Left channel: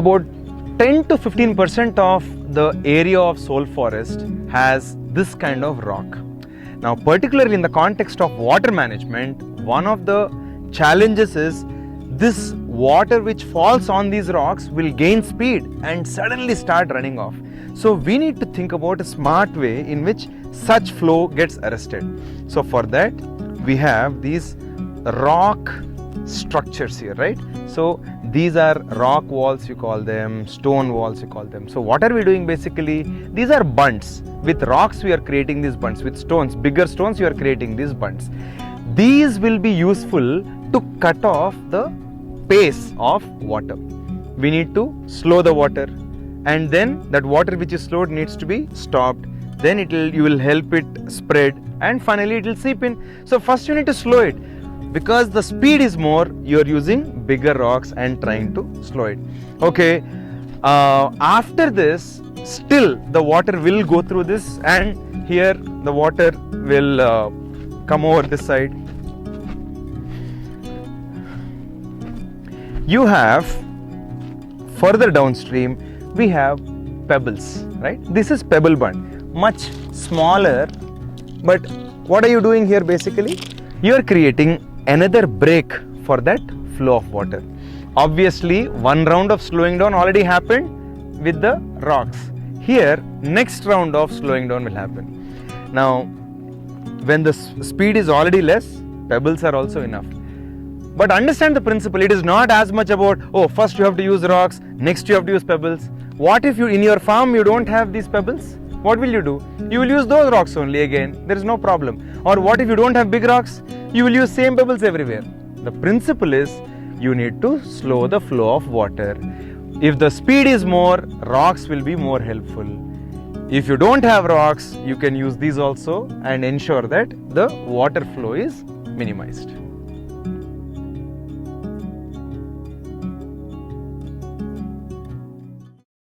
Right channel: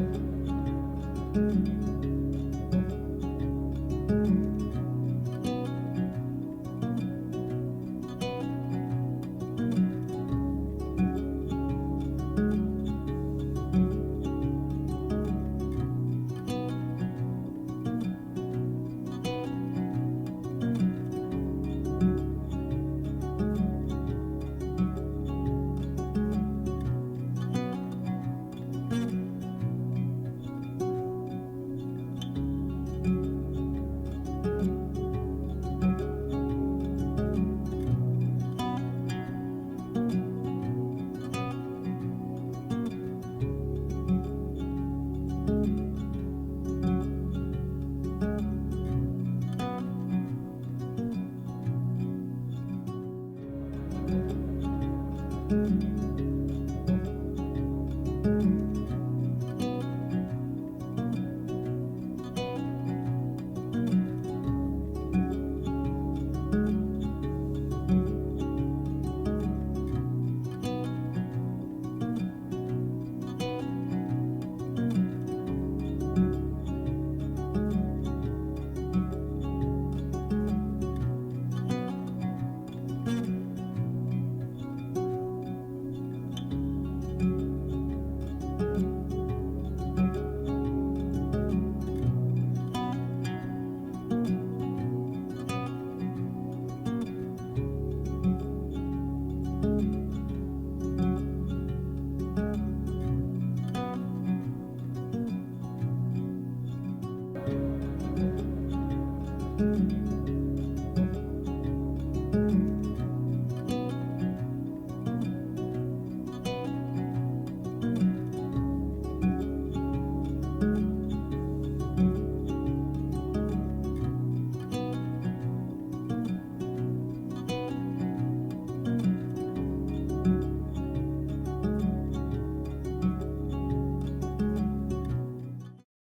about 10 to 15% of the area of Seoul forest has this kind of rock. Now, particularly in the context of water management, one of the challenges is this water which falls on these rocks will gain speed and suddenly start running off. So we need to think about a smart way in which such flow gets arrested. So for that, we have these rock structures here, right? So these are rock walls, you call them, stone walls, you call them. So what are we doing basically? These are bunds. With rocks we are creating these bunds. With stones, bigger stones, you are creating these bunds. These will be useful to cut off the pace of water. We need to slow the water, and then that water which is slowed needs to be stopped. Then you will help it spread, and finally it will seep in. So first you need to slow it. Because the speed is more, you are using bigger rocks and trying to slow it. Okay, after this, still the water will go through this, and here the water will come over this side. You have further downstream, we have pebbles, right? This is pebble bund, much smaller, but what are you doing here basically? You are creating another break for that flow of water. Obviously, one round of slowing down already happened with the rocks. Here, next round of slowing down will happen. Now, when the speed is already less, pebbles are also enough. But understand the principle, it is not as much about, oh, first you have to use rocks, next you have to use pebbles. What if in your farm you don't have these pebbles? What will you do? You will use those rocks only again, there is no problem. Or what if you don't have big rocks? You will use same pebbles everywhere. The principle is you need to slow the flow of water. If the speed is more, rocks will be more helpful. If you don't have rocks, you can use these also and ensure that the water flow is minimized.